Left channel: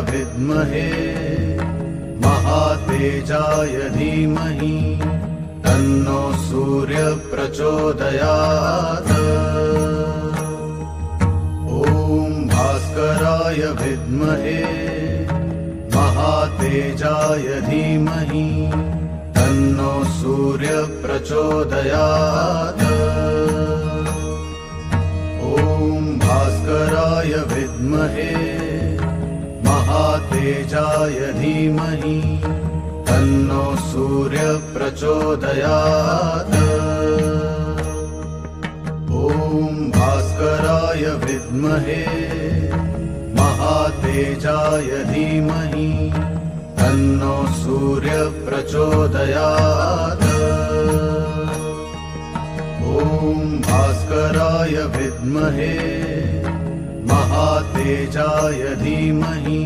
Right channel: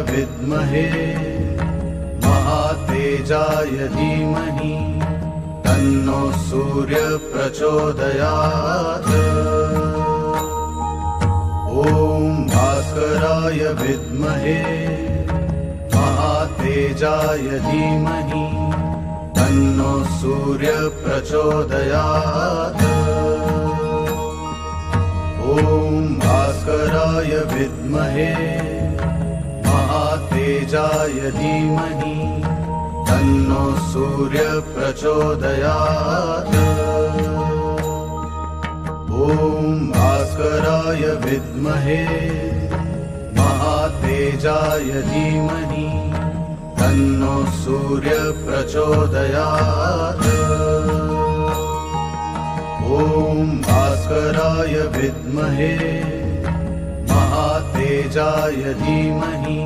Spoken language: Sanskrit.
विद्महे महातेजाय धीमहि तन्नो सूर्य प्रचोदयात्। ॐ भास्कराय विद्महे महातेजाय धीमहि तन्नो सूर्य प्रचोदयात्। ॐ भास्कराय विद्महे महातेजाय धीमहि तन्नो सूर्य प्रचोदयात्। ॐ भास्कराय विद्महे महातेजाय धीमहि तन्नो सूर्य प्रचोदयात्। ॐ भास्कराय विद्महे महातेजाय धीमहि